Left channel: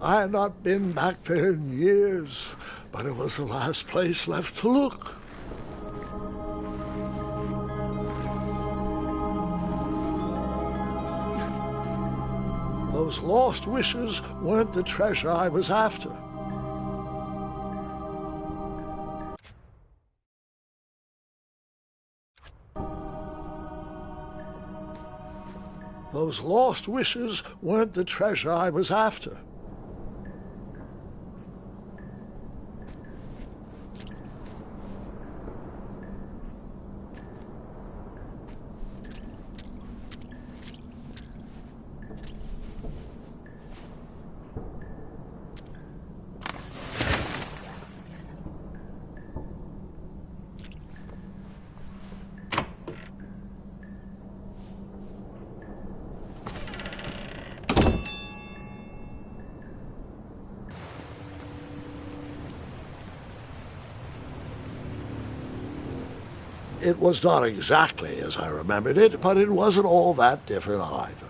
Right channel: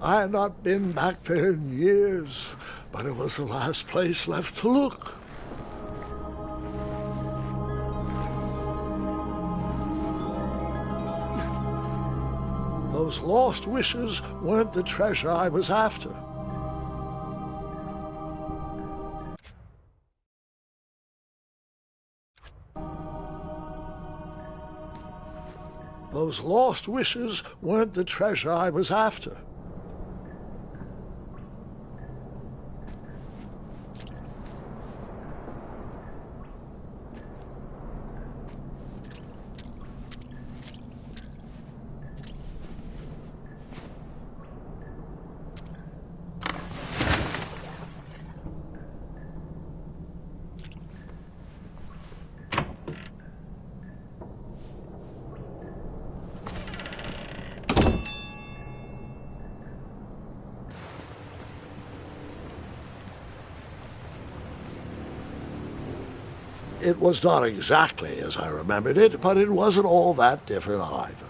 I had not been back there in years, but it was the last place left to look. Those lost wishes weren't the treasure I was after. Those lost wishes weren't the treasure I was after. It was not exactly as I remembered it, but it wasn't all that different either.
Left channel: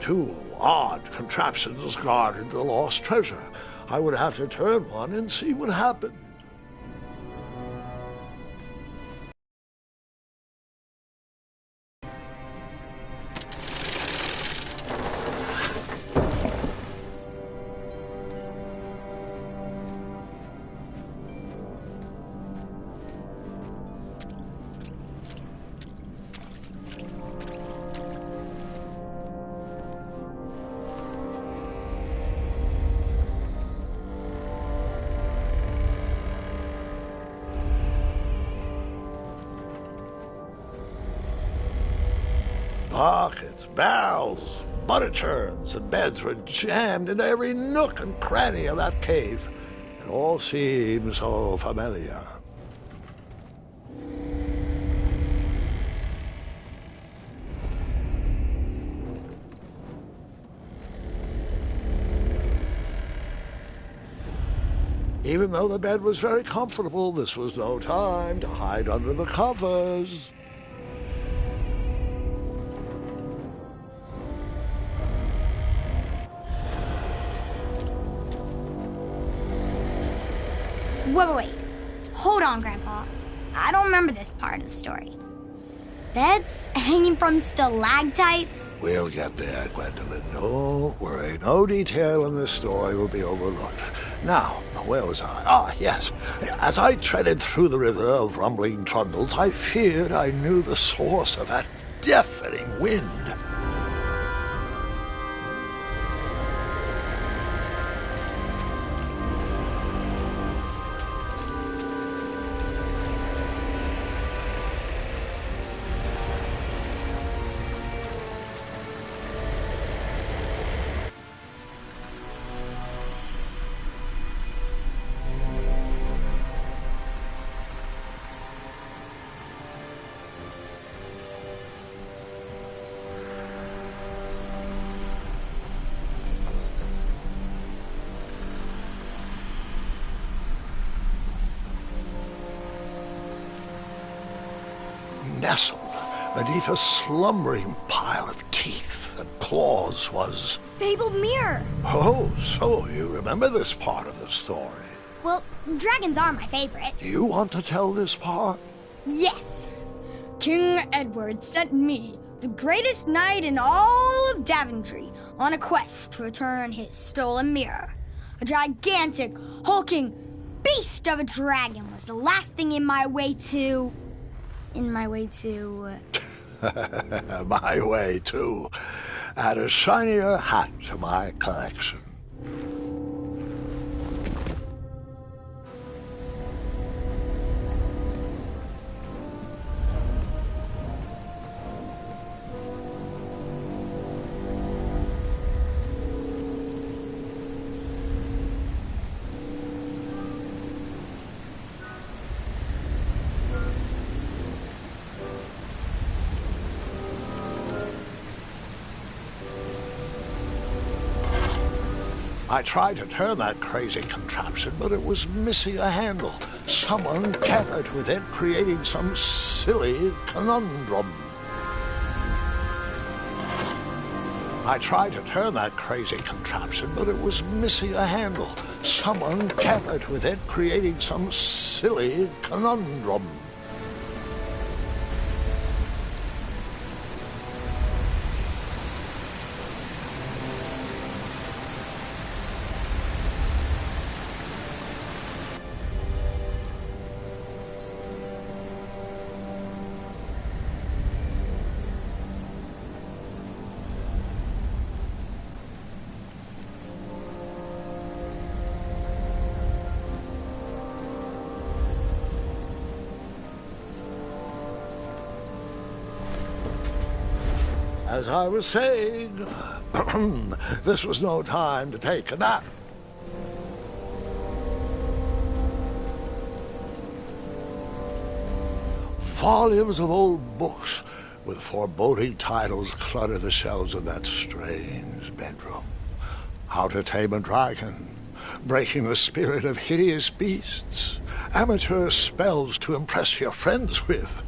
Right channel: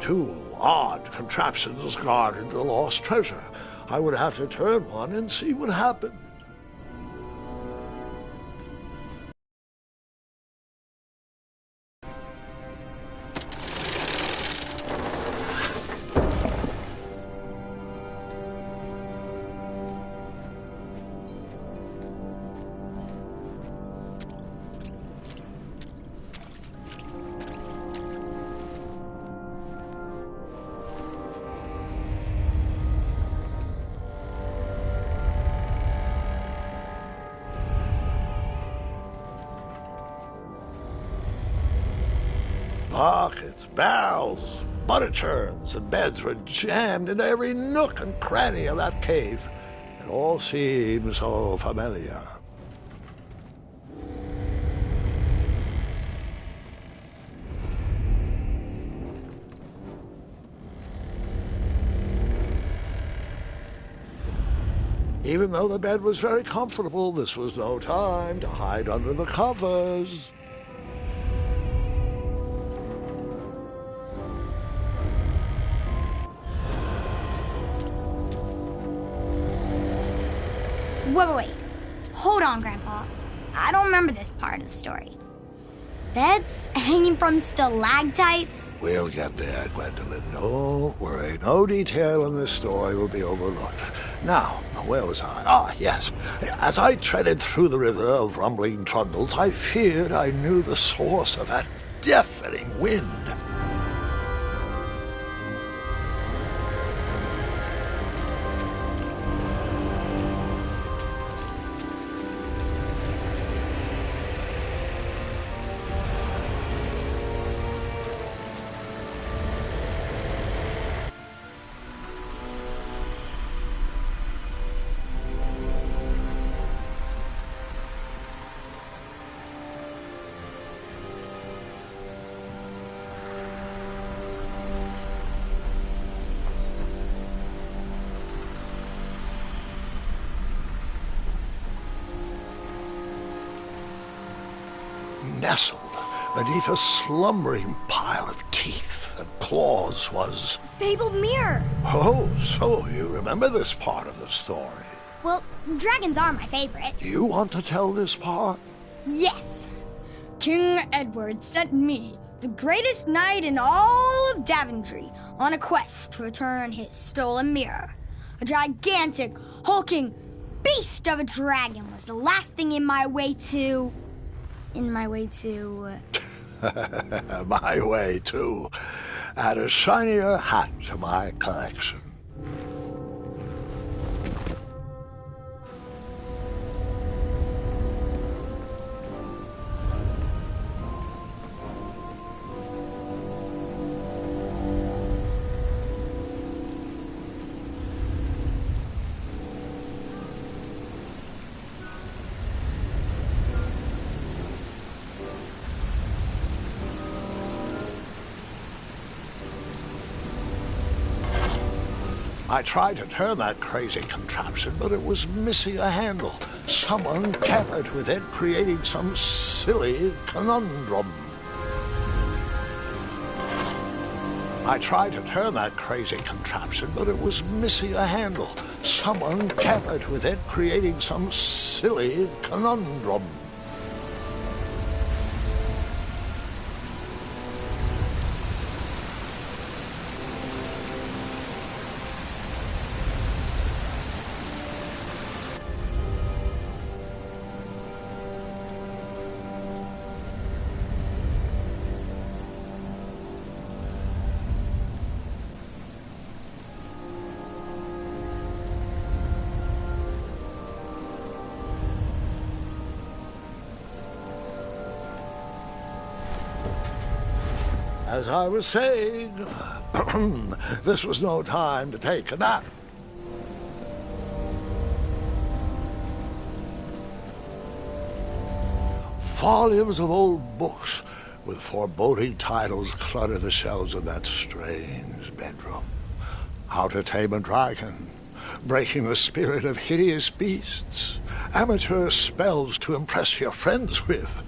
Two odd contraptions guarded the lost treasure. I would have to turn one and see what happened. Buckets, barrels, butter churns, and beds were jammed into every nook and cranny of that cave. It all seemed so familiar. Even though the bed was very comfortable, this was no time to hide under the covers. Wait. Hold on, Grandpa. I don't remember this part of the story. Beds hanging from stalactites? We'll get there, Gwendolyn. Don't worry. No detail in this story will be overlooked. Now, where was I? Ah, yes. As I treaded through the river of rumbling trundles, I feared I knew the source of that deafening wind. Nestled beneath a slumbering pile of teeth and claws was... Fabled mirror! Oh, so you remember this part of the story? Well, dragons are my favorite. Do you want to tell this part? Yes! King Edward sent me, the greatest knight in all of Daventry, on a quest to return his stolen mirror. A gigantic, hulking beast of a dragon was the last thing in my way to... My way, too. Add a shinier hat to my collection. I tried to turn that crazy contraption, but it was missing a handle. Someone tampered with it, creating some silly conundrum. I tried to turn that crazy contraption, but it was missing a handle. Someone tampered with it, creating some silly conundrum. As I was saying, this was no time to take a nap. Volumes of old books with foreboding titles clutter the shelves of that strange bedroom. How to Tame a Dragon, Breaking the Spirit of Hideous Beasts, Amateur Spells to Impress Your Friends with.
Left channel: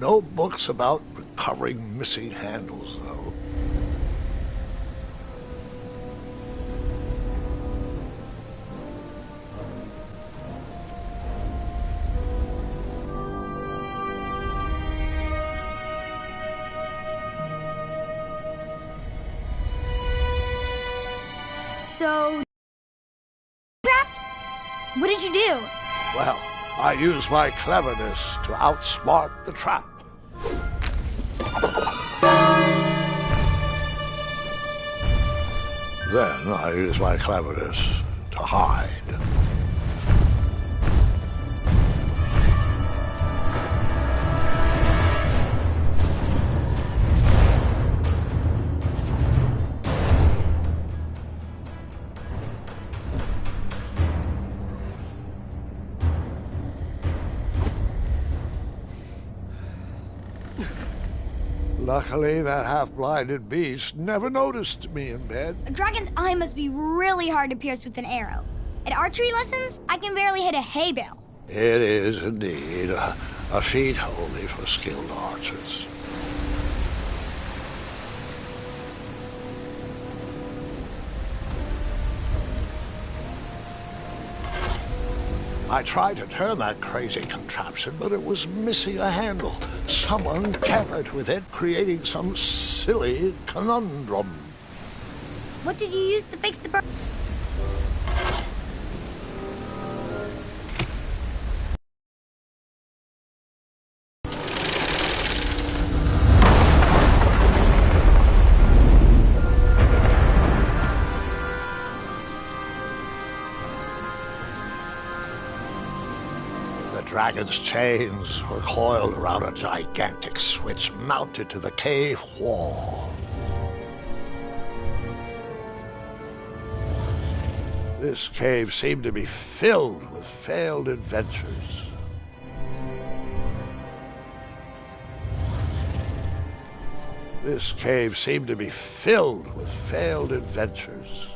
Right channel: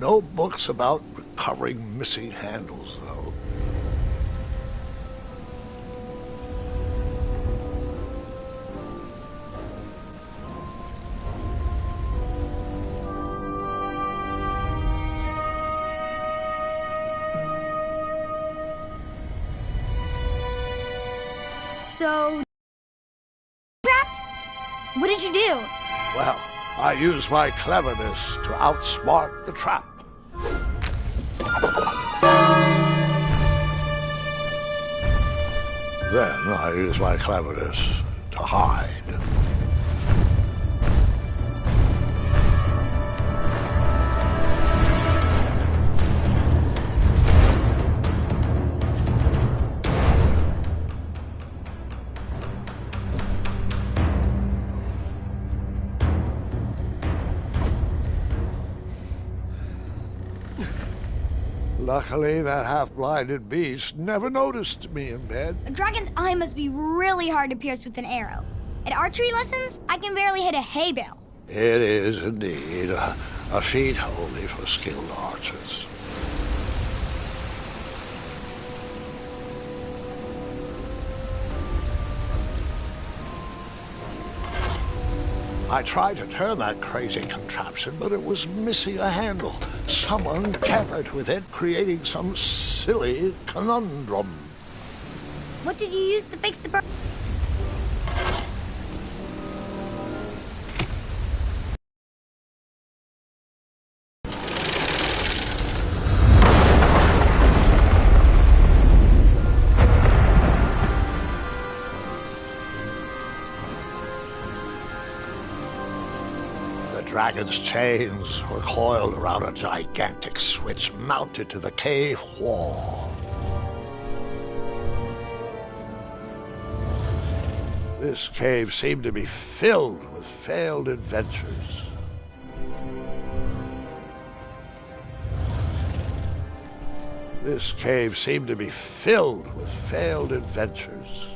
No books about recovering missing handles, though. So... trapped? What did you do? Well, I used my cleverness to outsmart the trap. Then I used my cleverness to hide. Luckily, that half-blinded beast never noticed me in bed. A dragon's eye must be really hard to pierce with an arrow. At archery lessons, I can barely hit a hay bale. It is indeed a feat only for skilled archers. I tried to turn that crazy contraption, but it was missing a handle. Someone tampered with it, creating some silly conundrum. What did you use to fix the bird? The dragon's chains were coiled around a gigantic switch mounted to the cave wall. This cave seemed to be filled with failed adventures. This cave seemed to be filled with failed adventures.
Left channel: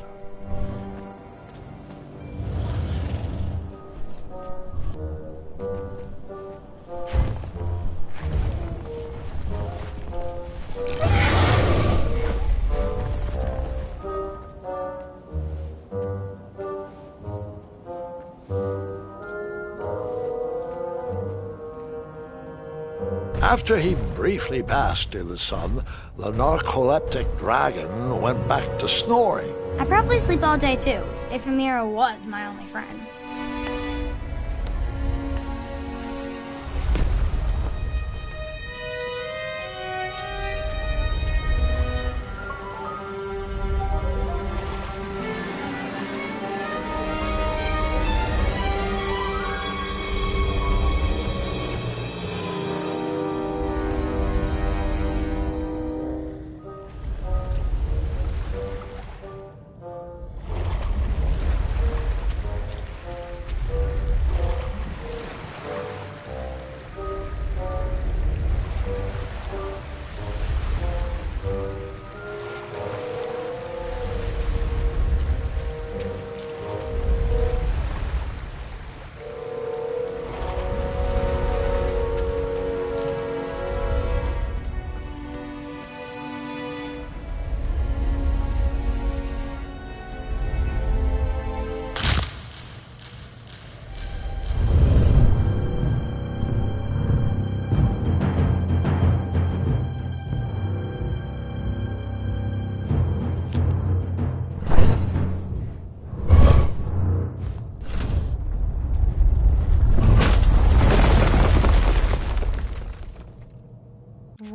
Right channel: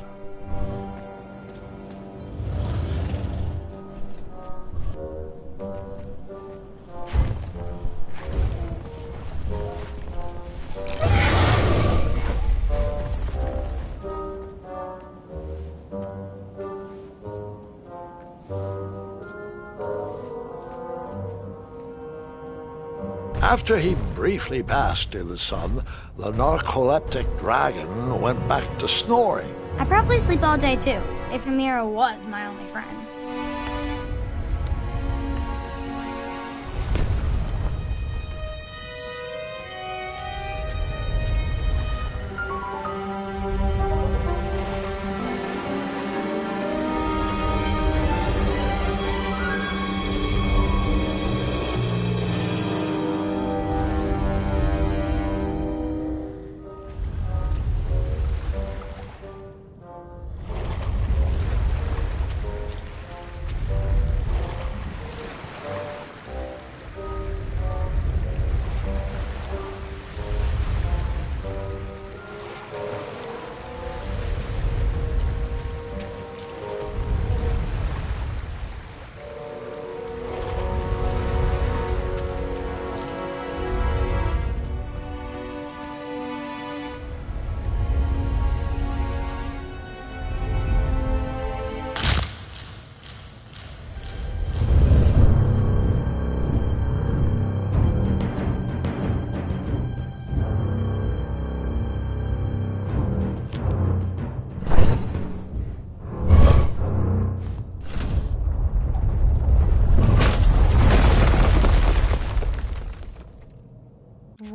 After he briefly basked in the sun, the narcoleptic dragon went back to snoring. I probably sleep all day too, if Amira was my only friend.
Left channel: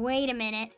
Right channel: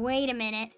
Wait a minute.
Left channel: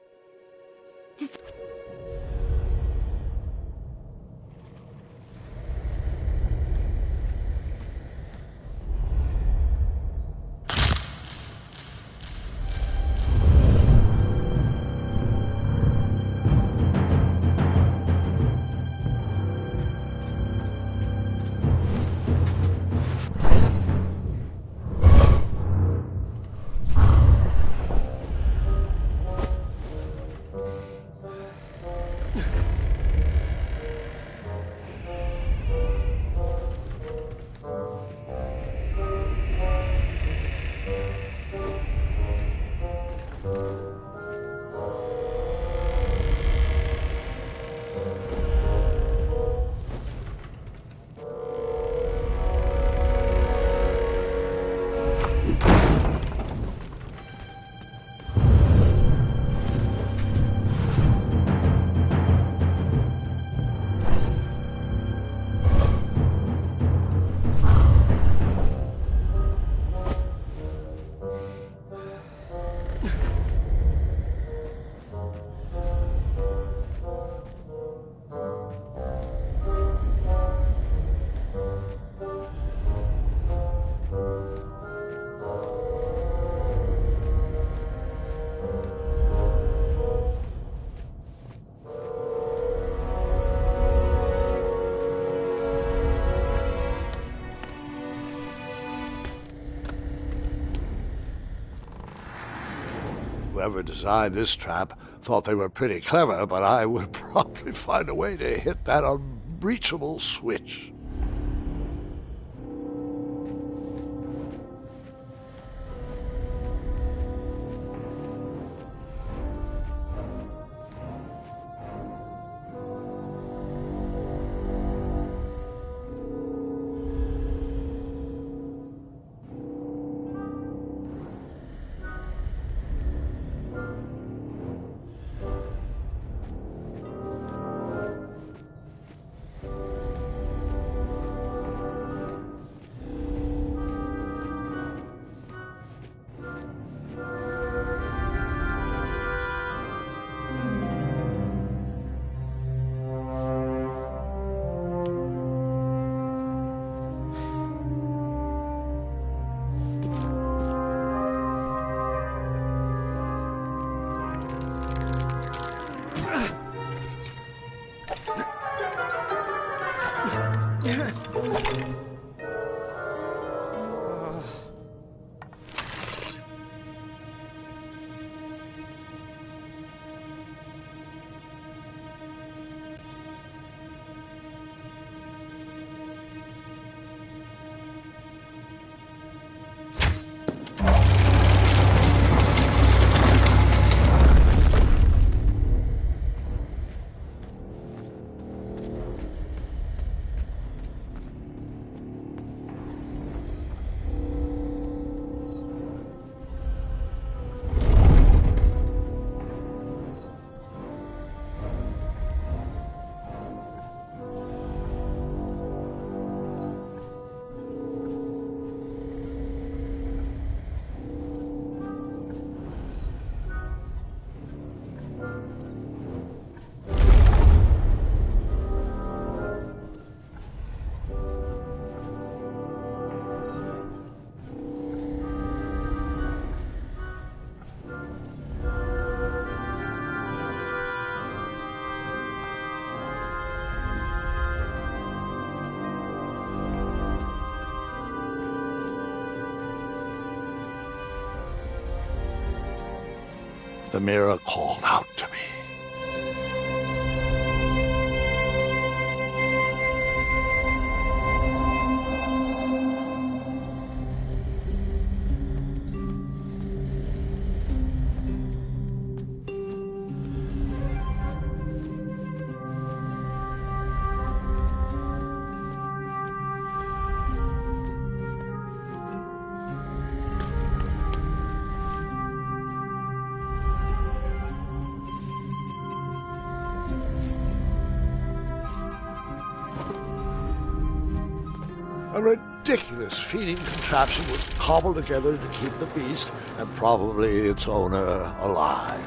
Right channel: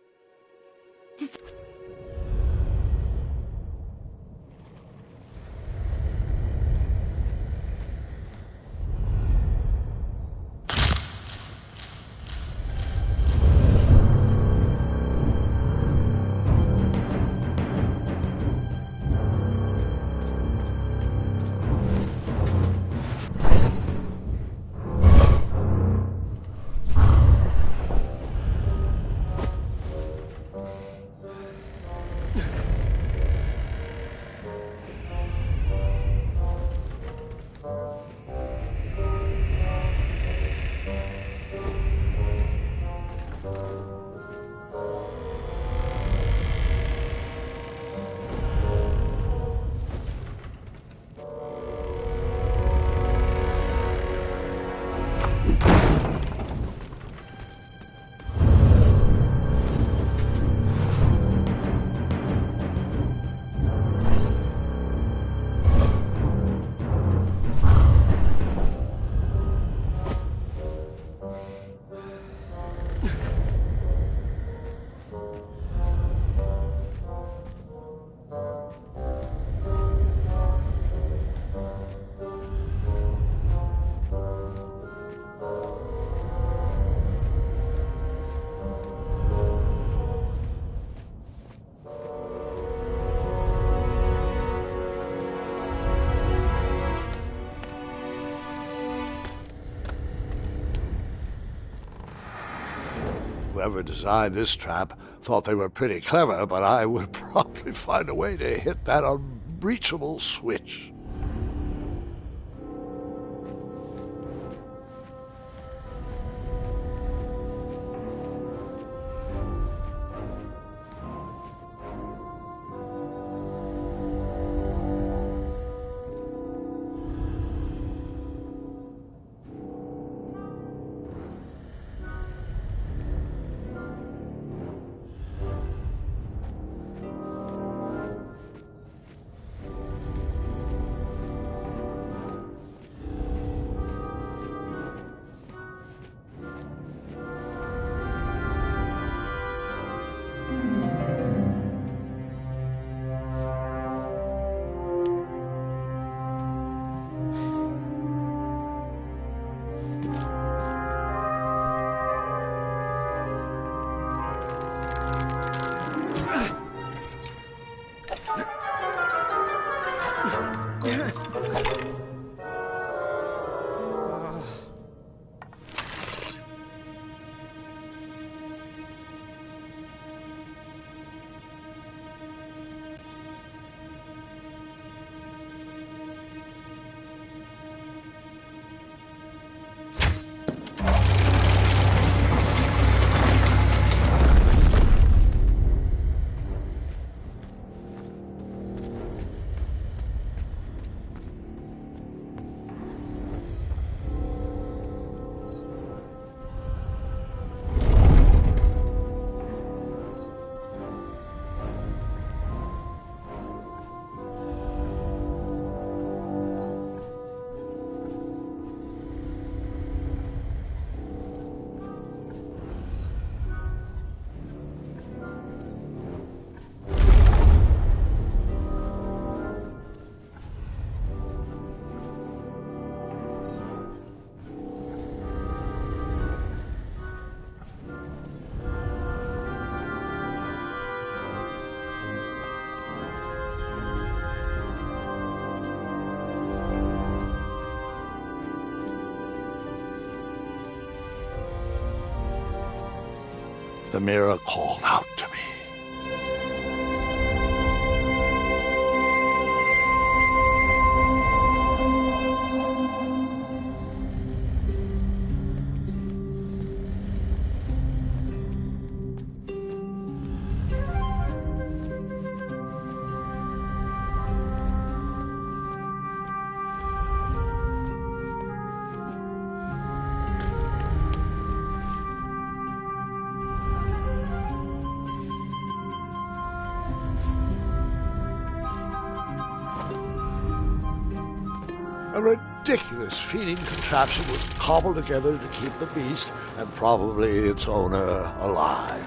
Whoever designed this trap thought they were pretty clever, but I would probably find a way to hit that unreachable switch. The mirror called out to me. A ridiculous feeding contraption was cobbled together to keep the beast and probably its owner alive.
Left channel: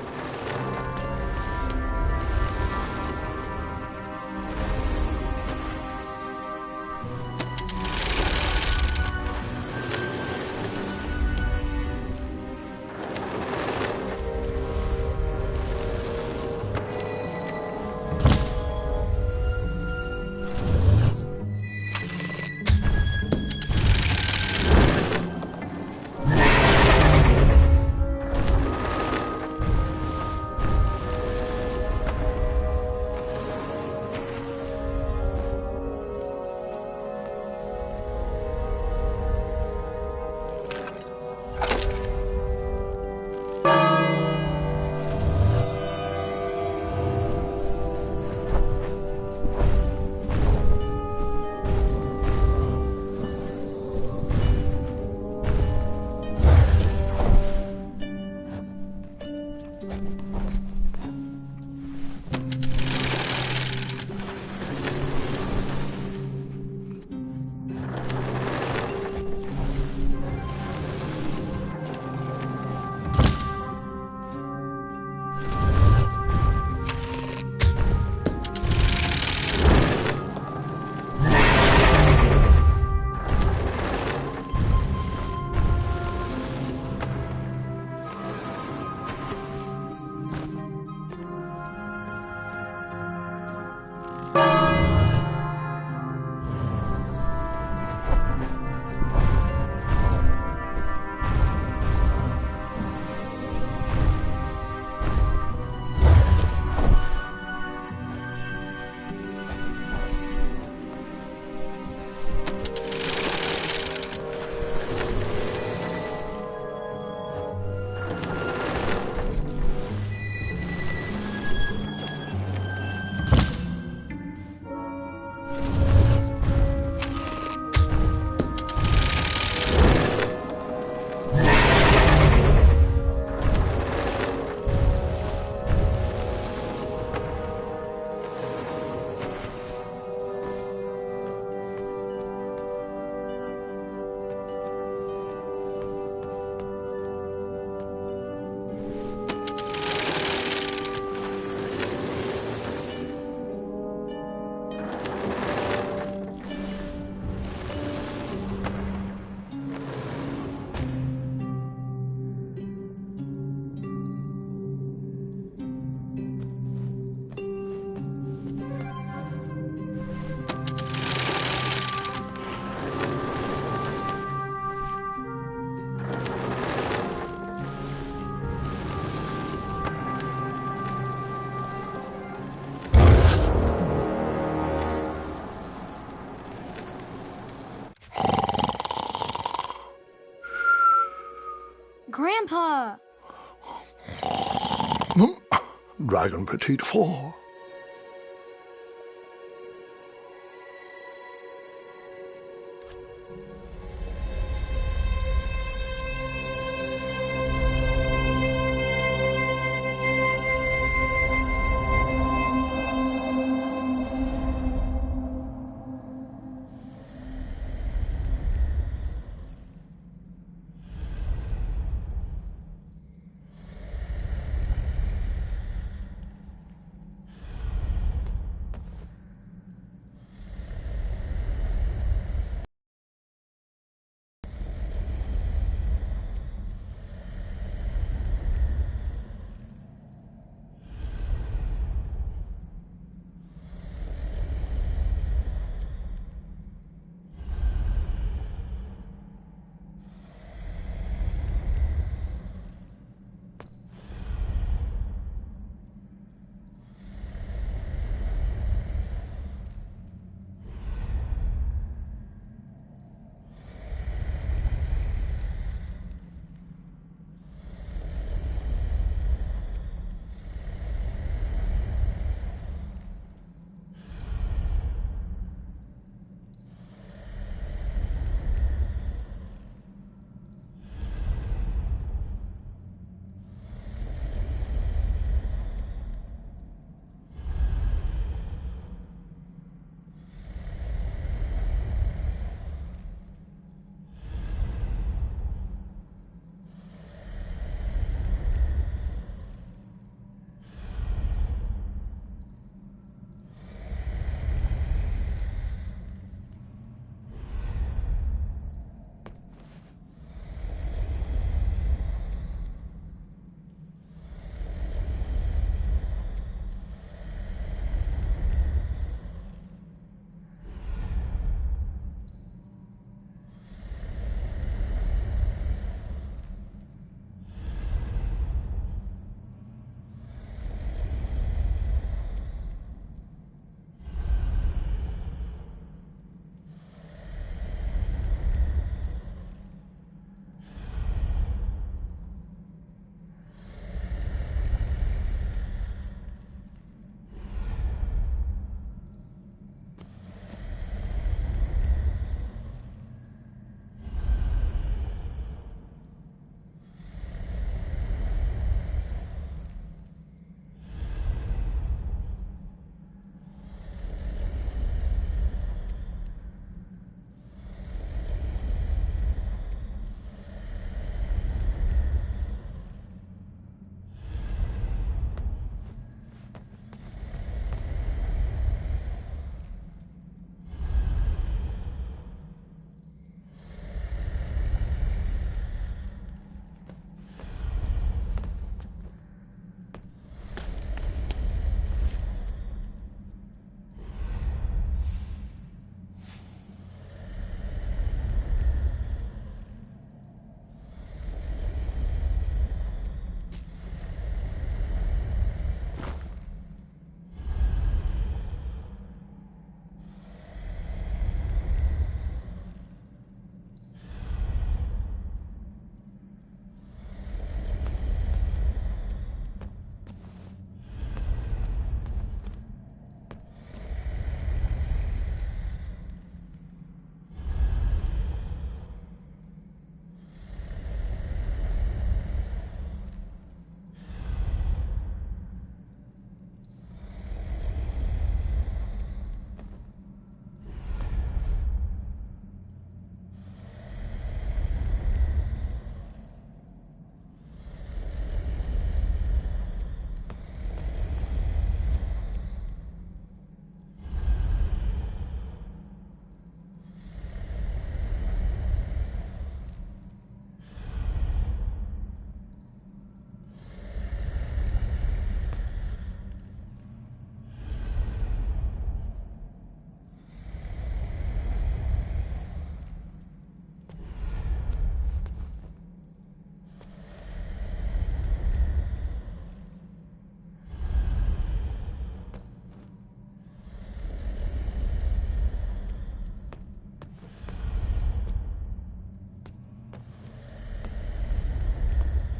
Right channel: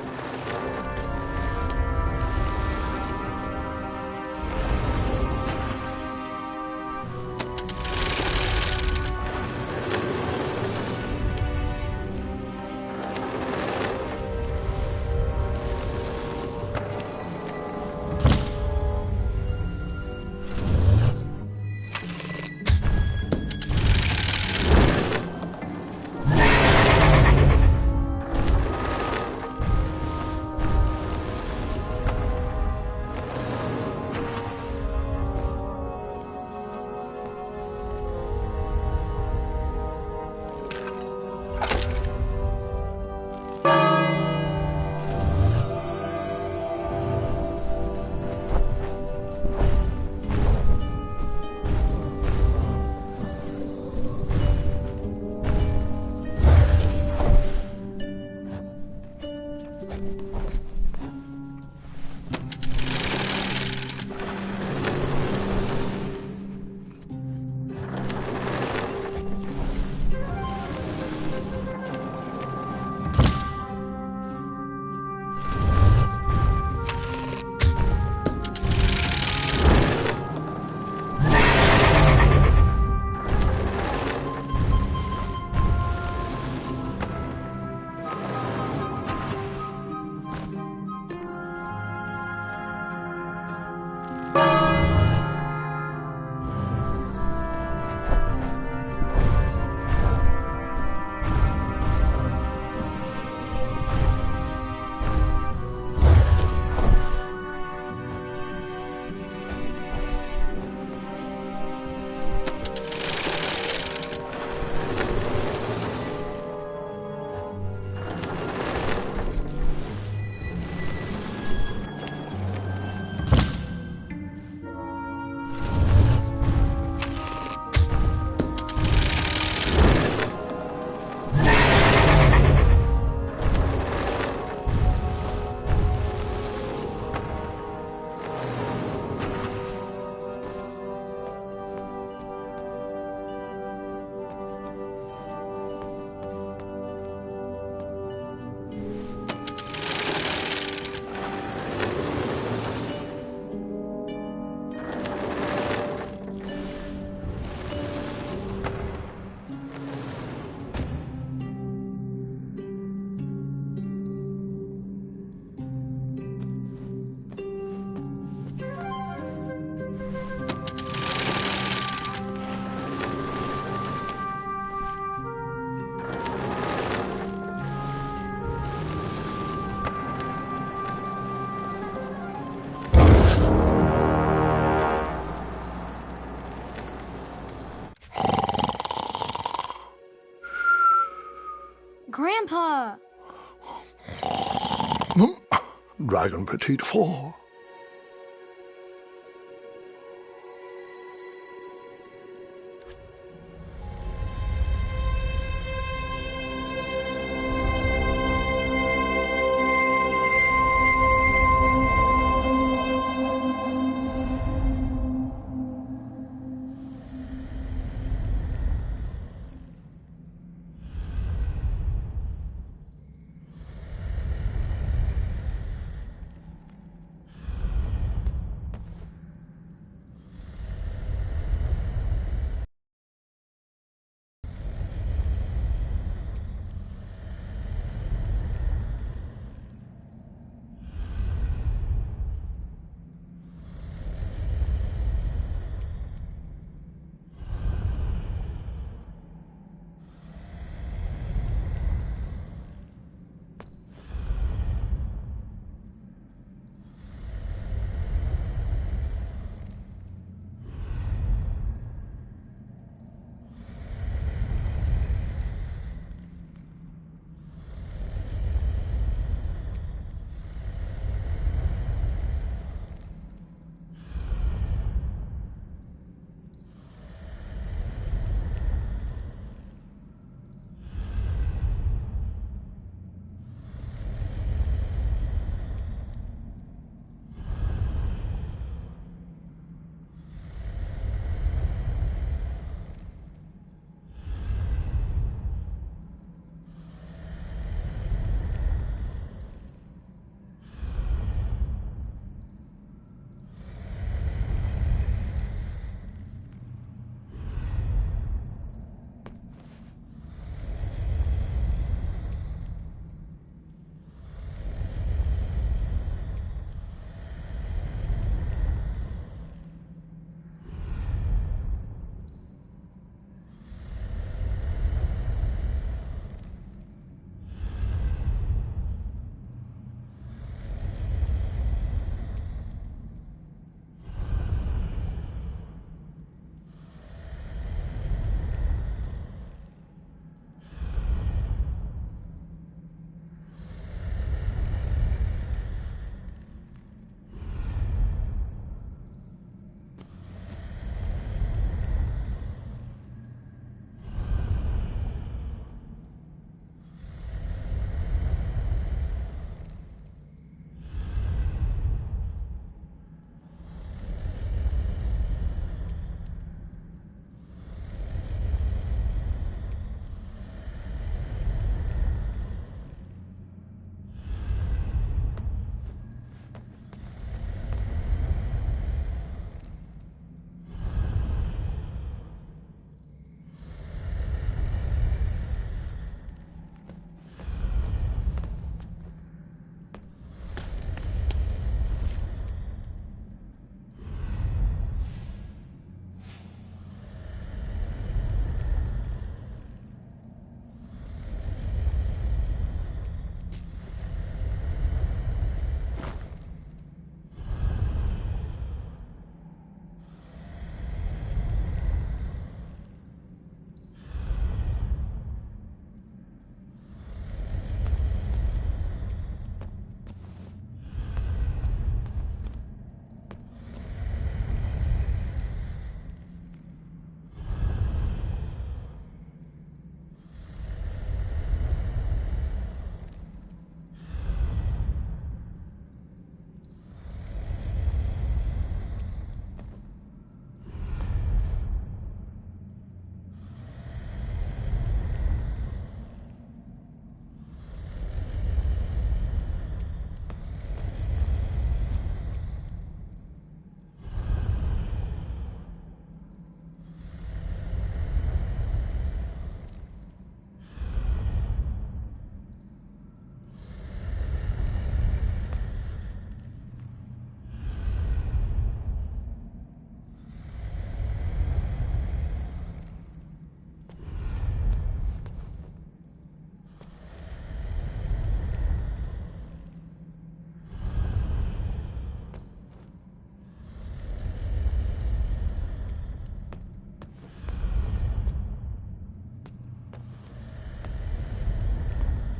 Grandpa! Dragon Petite 4.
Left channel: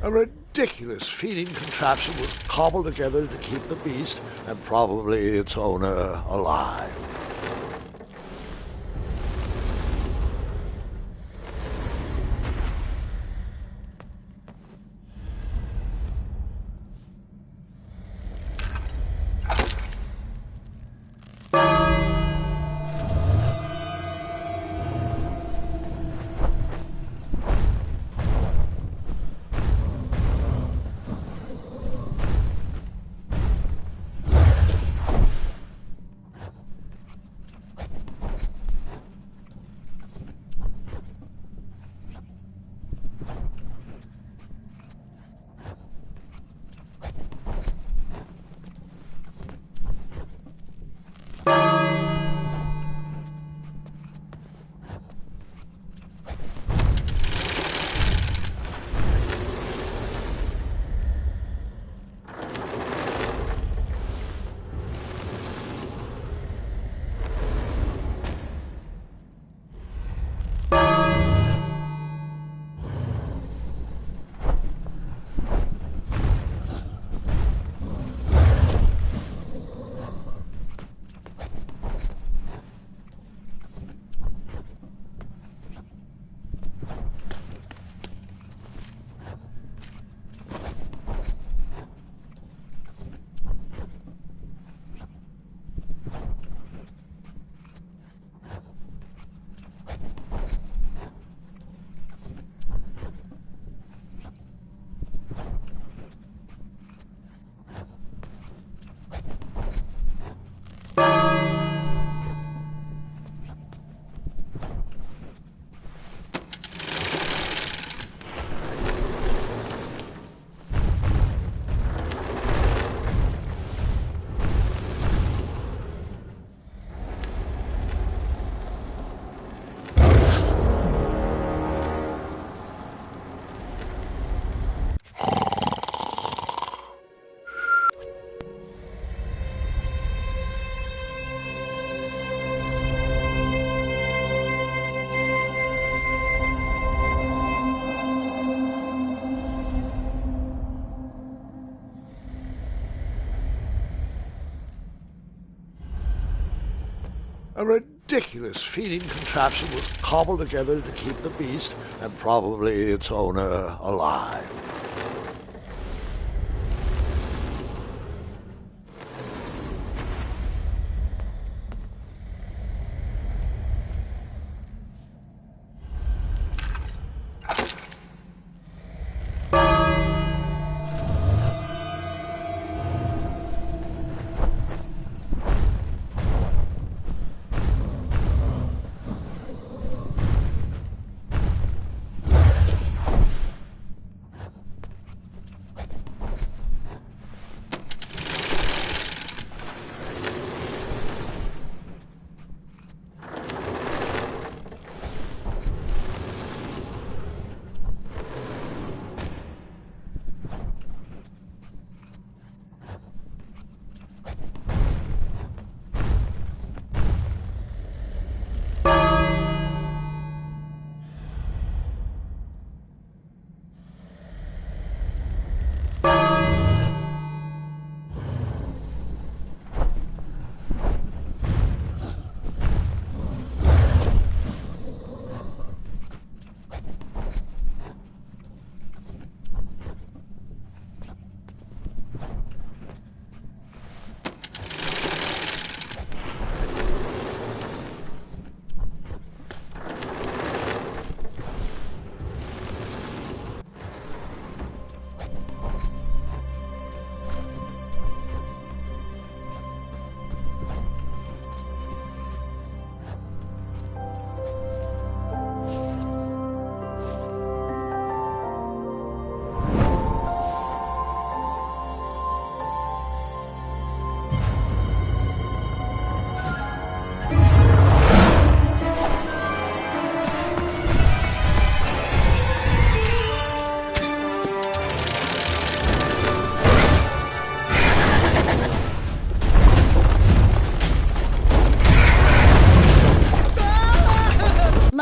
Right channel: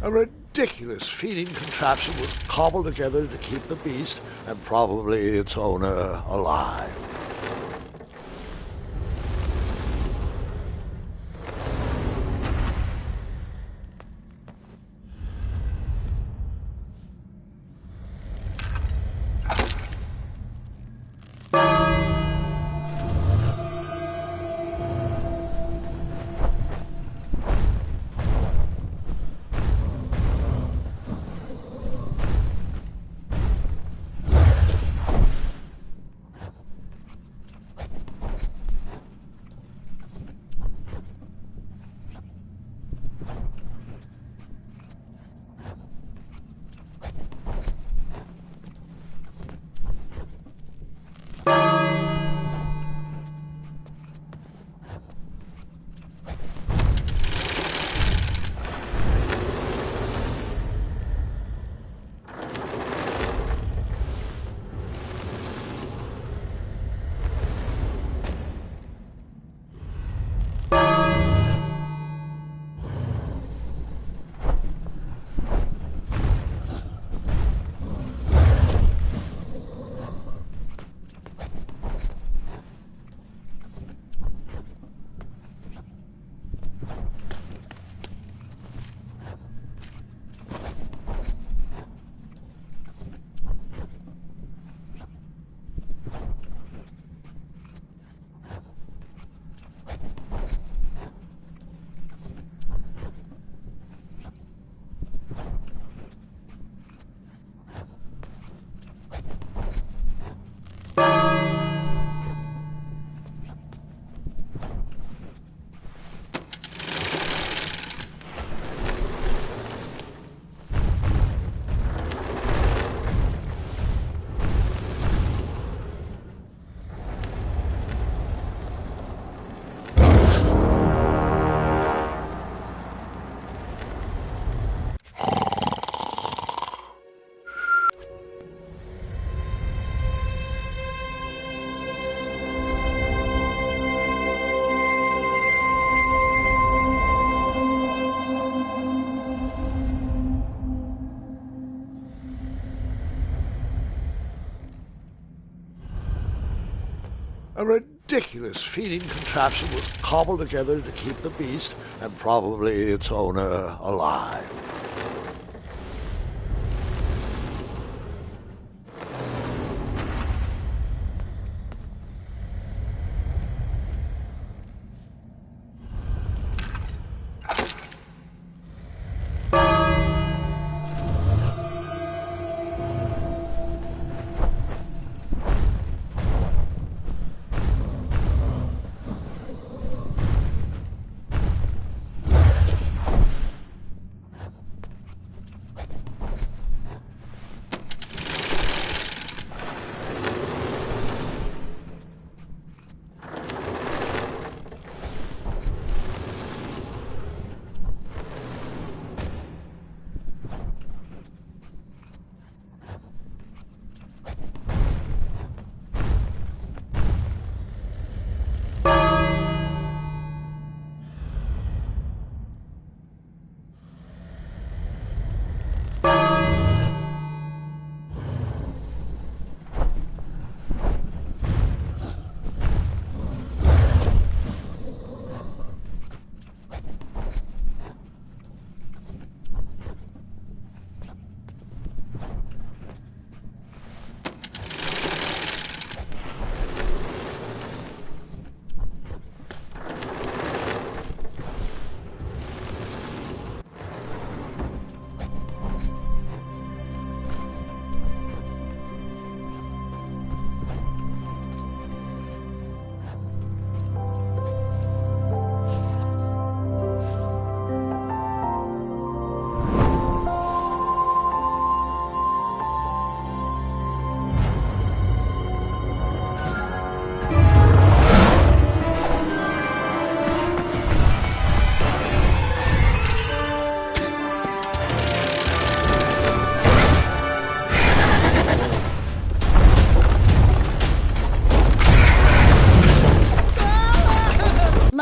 A ridiculous feeding contraption was cobbled together to keep the beast and probably its owner alive. A ridiculous feeding contraption was cobbled together to keep the beast and probably its owner alive.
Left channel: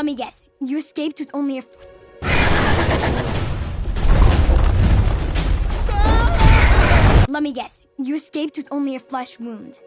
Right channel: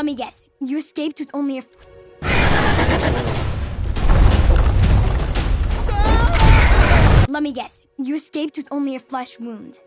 Let me guess. You escaped with only a... Let me guess. You escaped with only a flesh wound.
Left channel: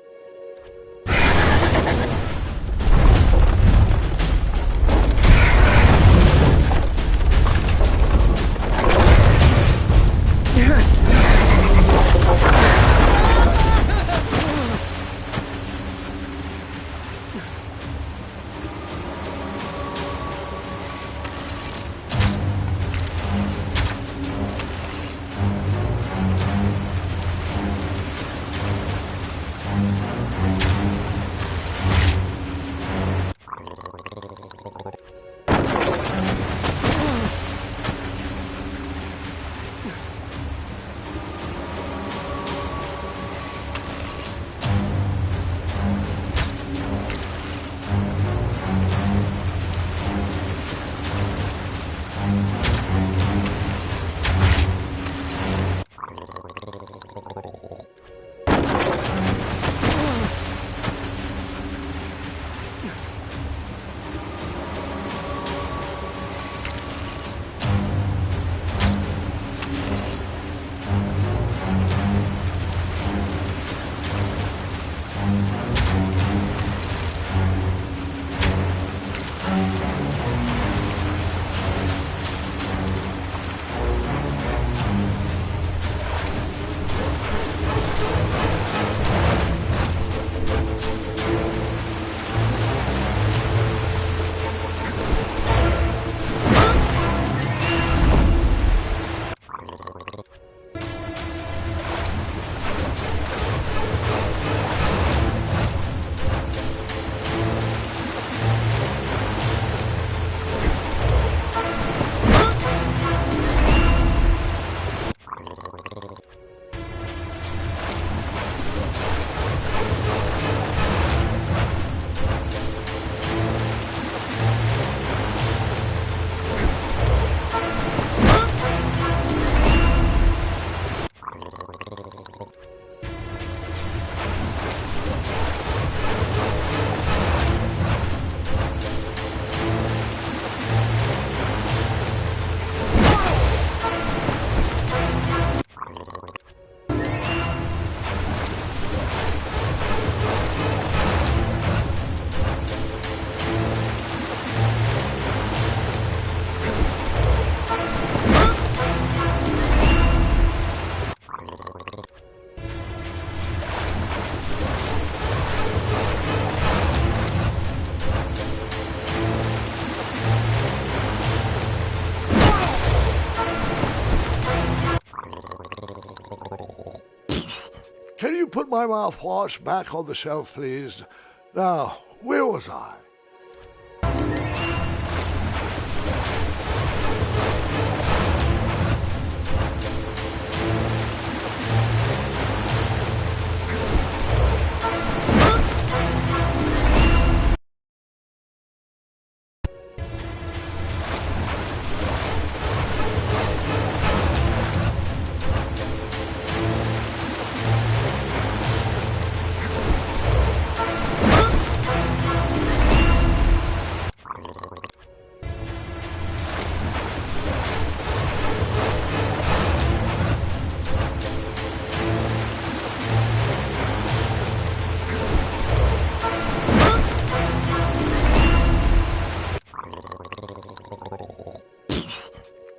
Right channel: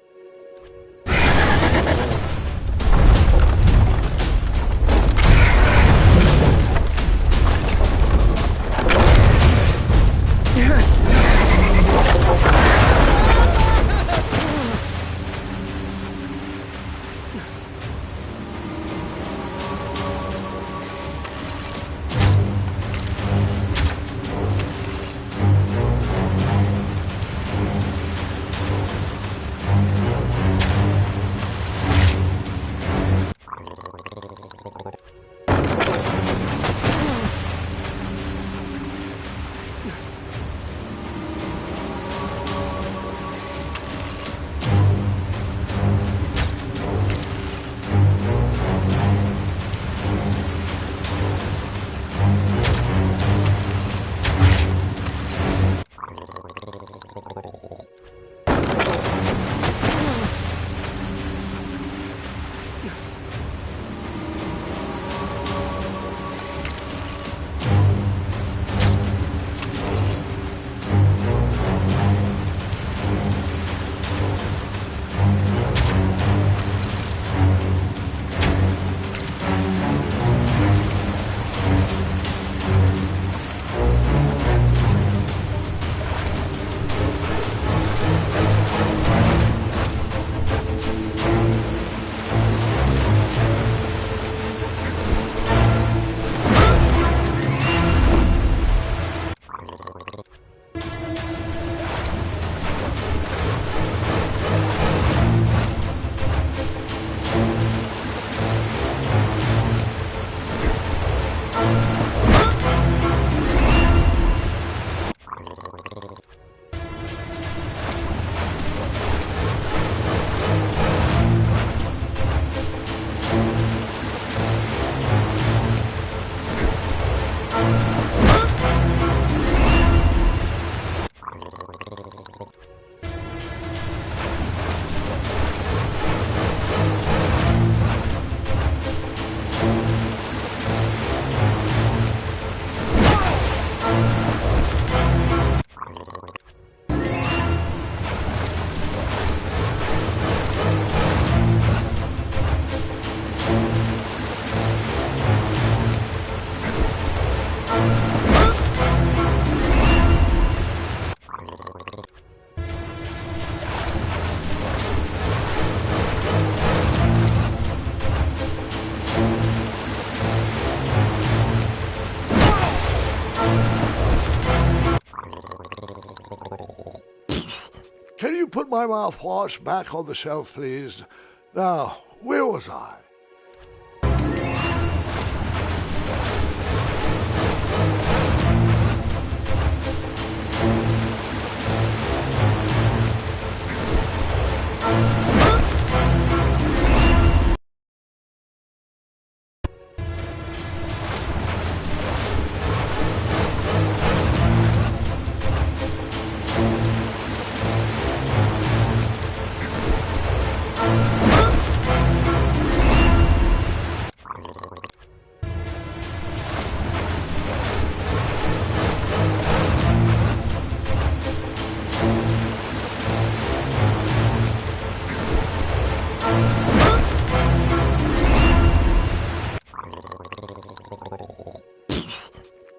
Can you put my mouthwash back on the shelf, please? Now, where was I?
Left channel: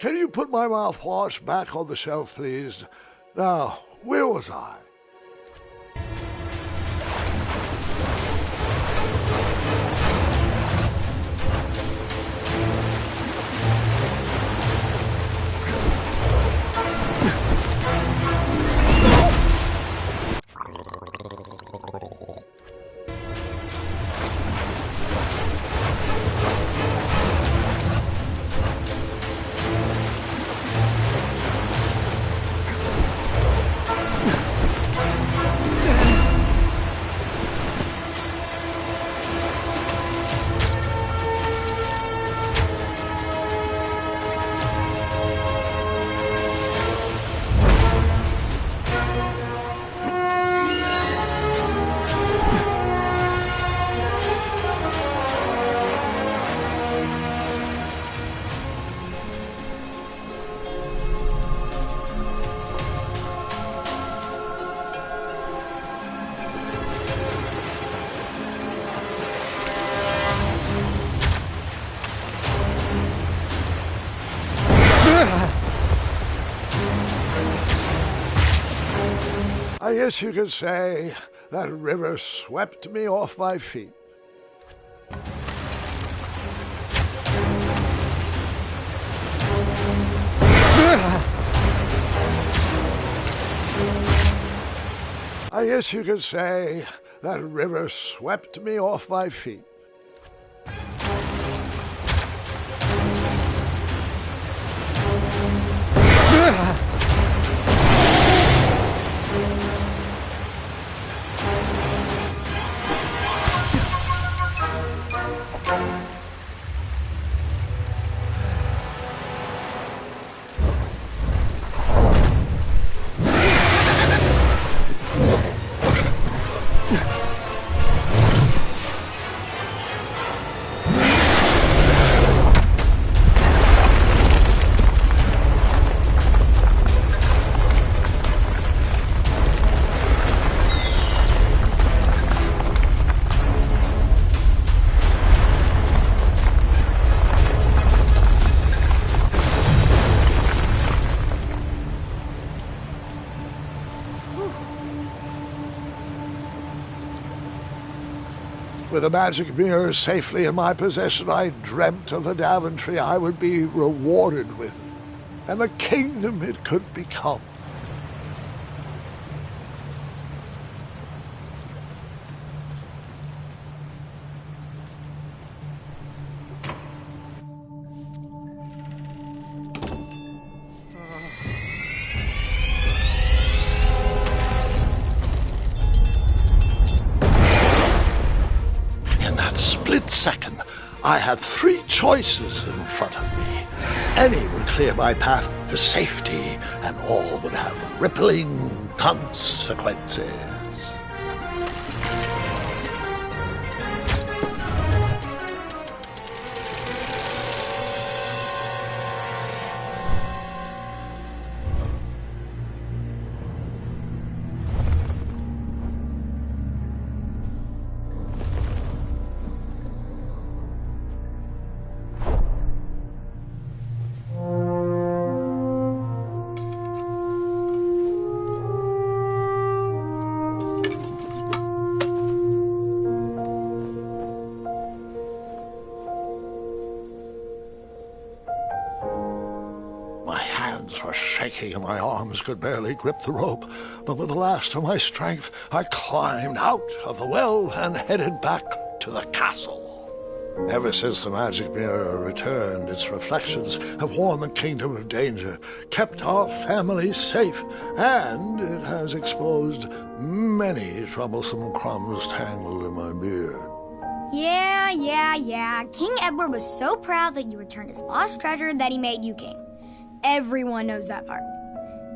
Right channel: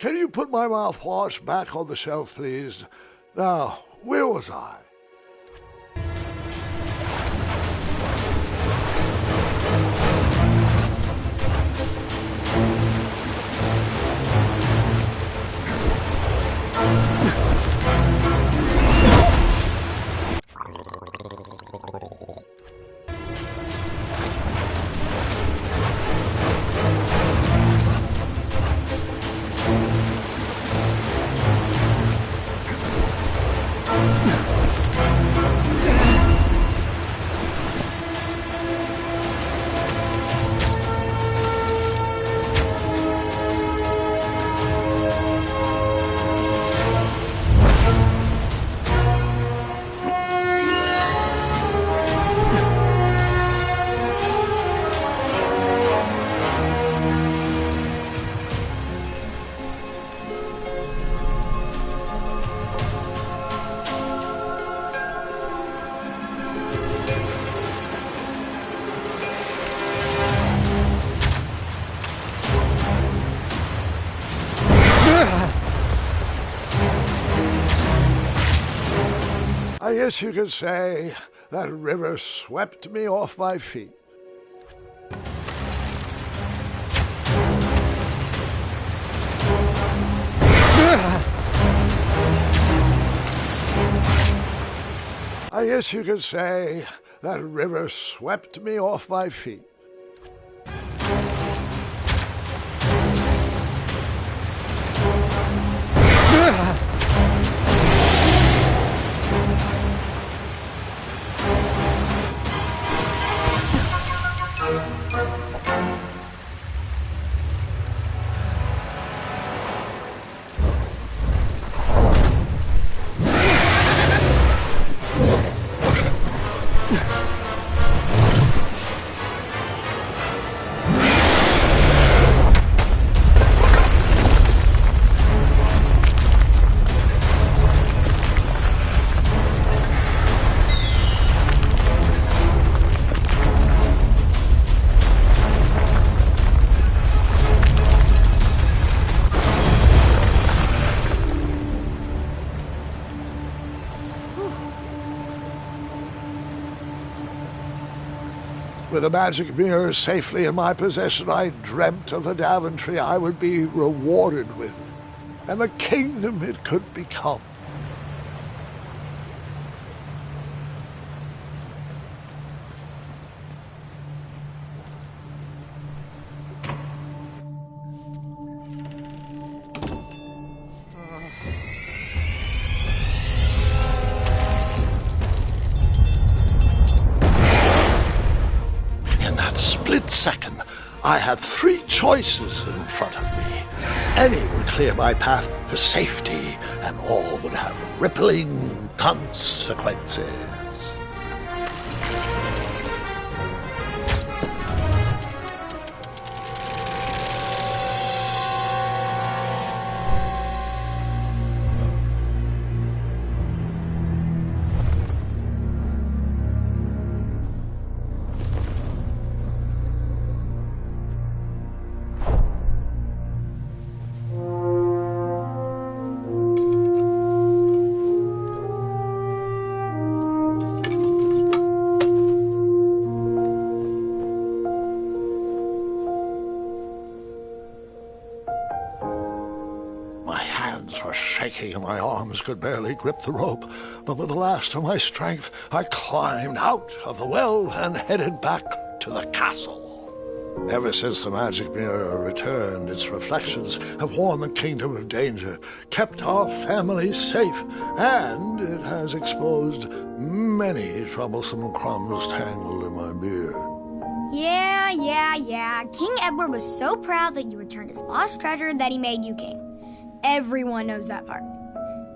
Can you put my mouthwash back on the shelf, please? Now, where was I? I guess you could say that river swept me off my feet. I guess you could say that river swept me off my feet. With the magic mirror safely in my possession, I dreamt of the Daventry I would be rewarded with, and the kingdom it could become. Split second, I had three choices in front of me. Any would clear my path to safety, and all would have rippling consequences. My hands were shaking and my arms could barely grip the rope, but with the last of my strength, I climbed out of the well and headed back to the castle. Ever since the magic mirror returned, its reflections have warned the kingdom of danger, kept our family safe, and it has exposed many troublesome crumbs tangled in my beard. Yeah. King Edward was so proud that you returned his lost treasure that he made you king. Everyone knows that part.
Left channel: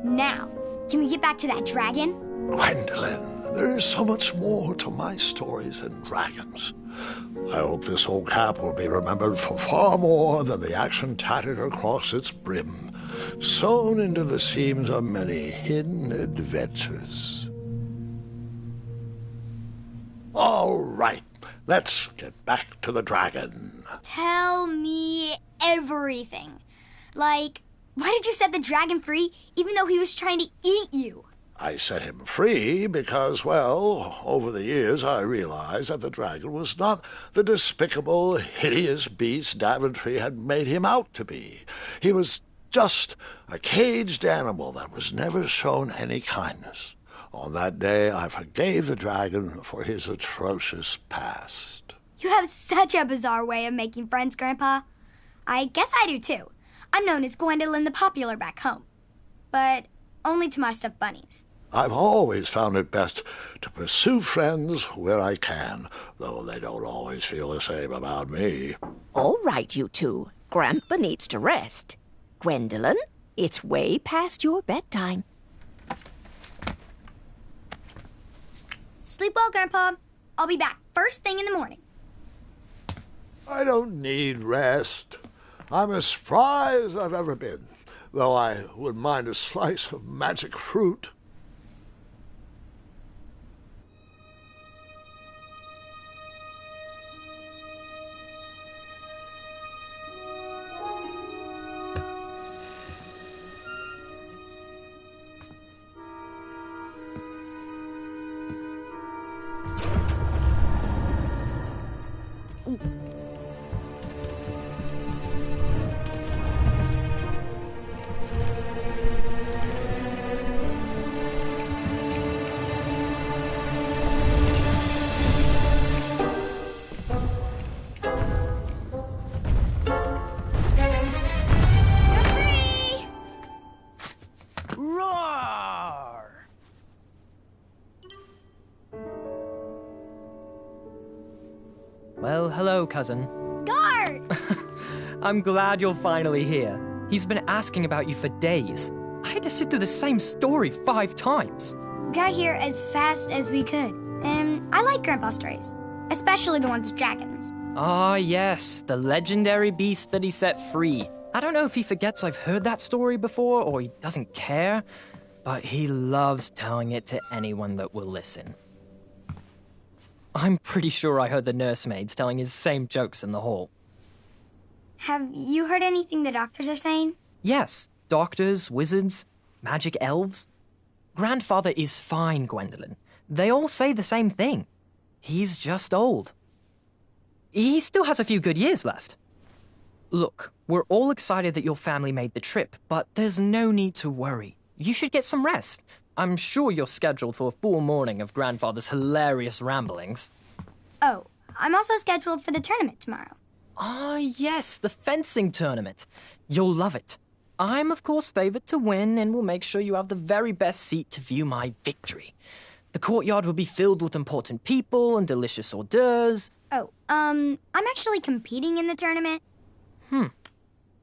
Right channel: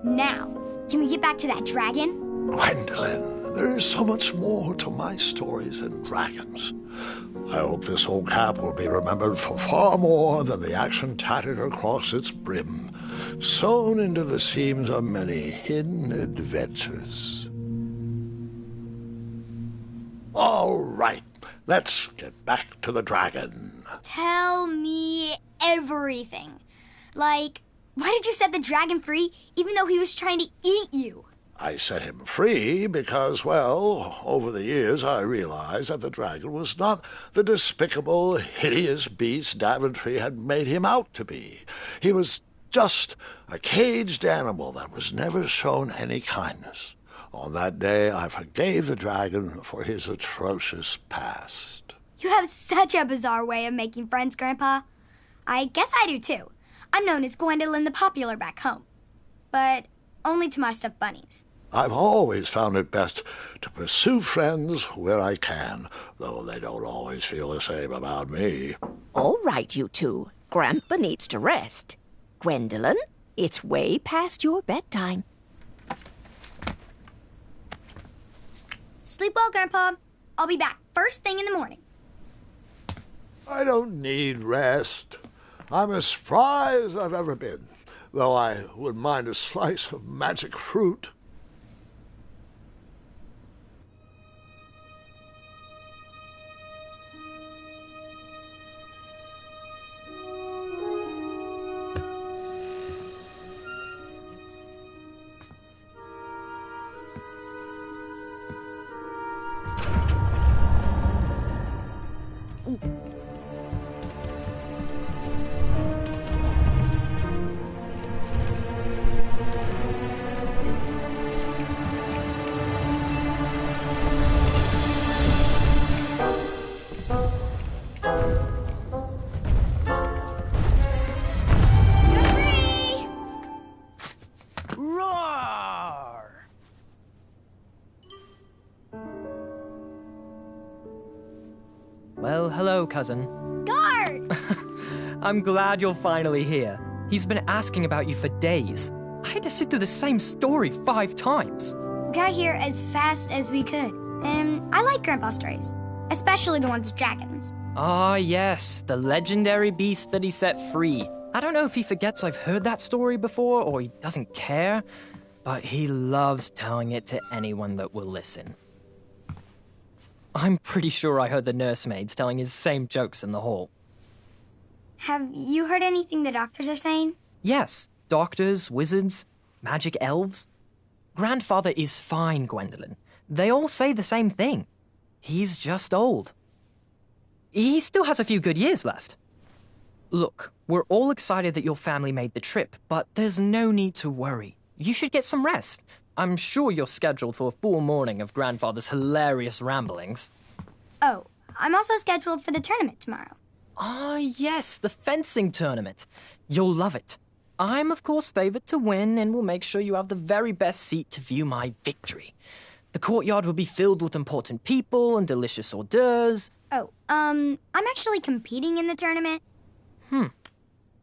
Now, can we get back to that dragon? Gwendolyn, there is so much more to my stories than dragons. I hope this old cap will be remembered for far more than the action tattered across its brim, sewn into the seams of many hidden adventures. All right, let's get back to the dragon. Tell me everything. Like, why did you set the dragon free even though he was trying to eat you? I set him free because, well, over the years I realized that the dragon was not the despicable, hideous beast Daventry had made him out to be. He was just a caged animal that was never shown any kindness. On that day, I forgave the dragon for his atrocious past. You have such a bizarre way of making friends, Grandpa. I guess I do, too. I'm known as Gwendolyn the Popular back home, but only to my stuffed bunnies. I've always found it best to pursue friends where I can, though they don't always feel the same about me. All right, you two. Grandpa needs to rest. Gwendolyn, it's way past your bedtime. Sleep well, Grandpa. I'll be back first thing in the morning. I don't need rest. I'm as spry as I've ever been, though I wouldn't mind a slice of magic fruit. Roar! Well, hello, cousin. Guard! I'm glad you're finally here. He's been asking about you for days. I had to sit through the same story 5 times. We got here as fast as we could. And I like Grandpa's stories, especially the ones with dragons. Ah, yes, the legendary beast that he set free. I don't know if he forgets I've heard that story before or he doesn't care, but he loves telling it to anyone that will listen. I'm pretty sure I heard the nursemaids telling his same jokes in the hall. Have you heard anything the doctors are saying? Yes, doctors, wizards, magic elves. Grandfather is fine, Gwendolyn. They all say the same thing. He's just old. He still has a few good years left. Look, we're all excited that your family made the trip, but there's no need to worry. You should get some rest. I'm sure you're scheduled for a full morning of Grandfather's hilarious ramblings. Oh, I'm also scheduled for the tournament tomorrow. Ah, yes, the fencing tournament. You'll love it. I'm, of course, favored to win and will make sure you have the very best seat to view my victory. The courtyard will be filled with important people and delicious hors d'oeuvres. Oh, I'm actually competing in the tournament.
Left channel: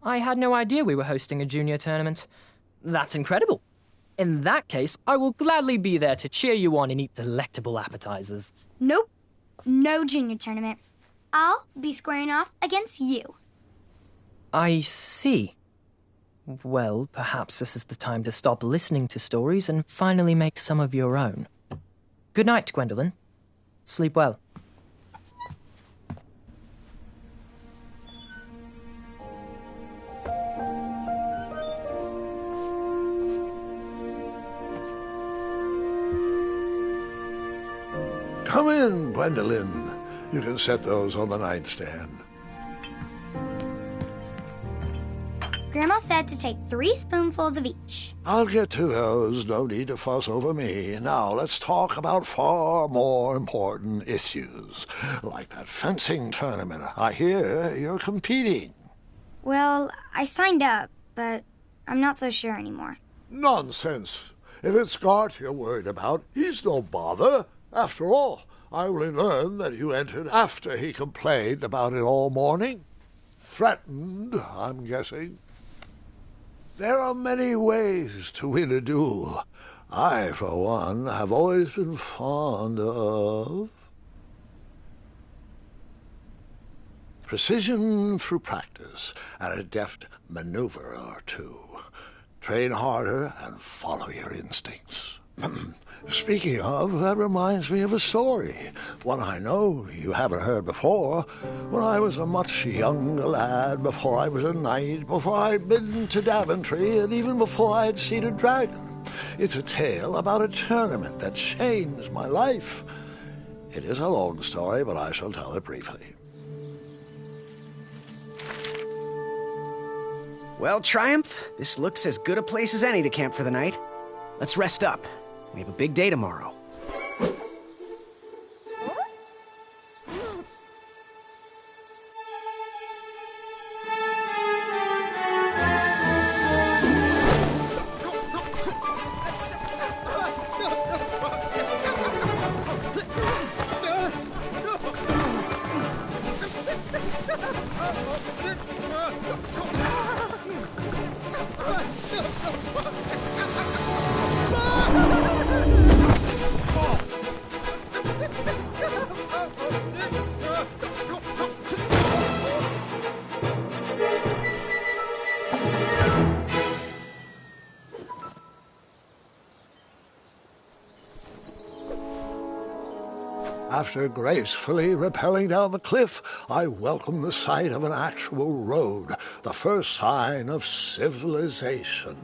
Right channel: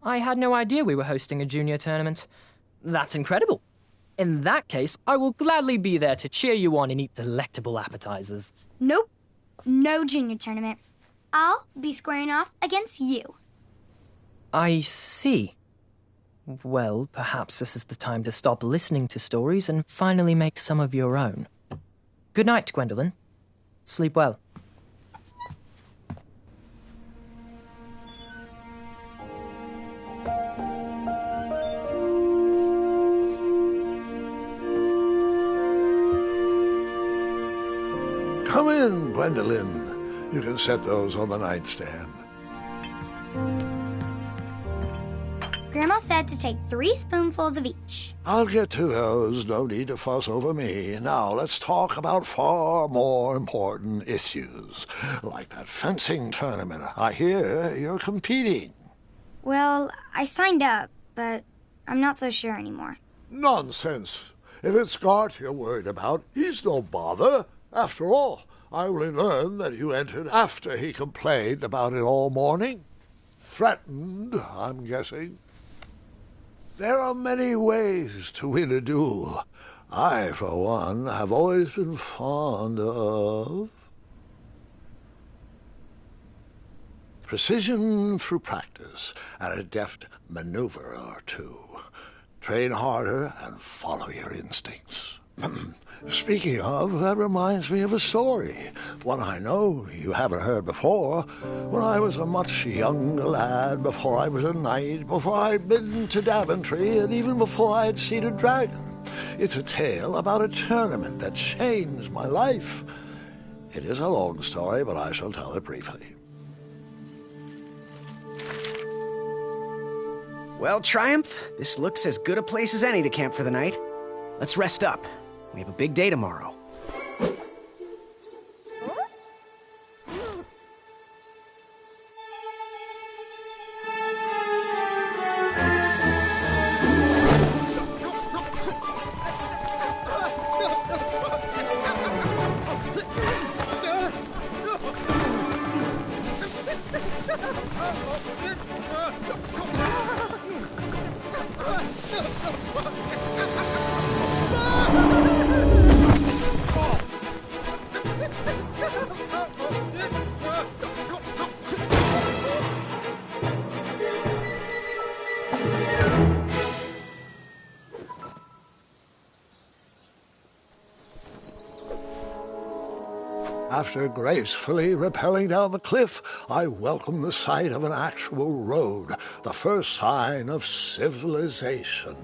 I had no idea we were hosting a junior tournament. That's incredible. In that case, I will gladly be there to cheer you on and eat delectable appetizers. Nope, no junior tournament. I'll be squaring off against you. I see. Well, perhaps this is the time to stop listening to stories and finally make some of your own. Good night, Gwendolyn. Sleep well. Come in, Gwendolyn. You can set those on the nightstand. Grandma said to take 3 spoonfuls of each. I'll get to those. No need to fuss over me. Now let's talk about far more important issues, like that fencing tournament. I hear you're competing. Well, I signed up, but I'm not so sure anymore. Nonsense. If it's Scott you're worried about, he's no bother. After all, I only learned that you entered after he complained about it all morning. Threatened, I'm guessing. There are many ways to win a duel. I, for one, have always been fond of precision through practice and a deft maneuver or two. Train harder and follow your instincts. Speaking of, that reminds me of a story, one I know you haven't heard before. When I was a much younger lad, before I was a knight, before I'd been to Daventry, and even before I'd seen a dragon. It's a tale about a tournament that changed my life. It is a long story, but I shall tell it briefly. Well, Triumph, this looks as good a place as any to camp for the night. Let's rest up. We have a big day tomorrow. After gracefully rappelling down the cliff, I welcomed the sight of an actual road, the first sign of civilization.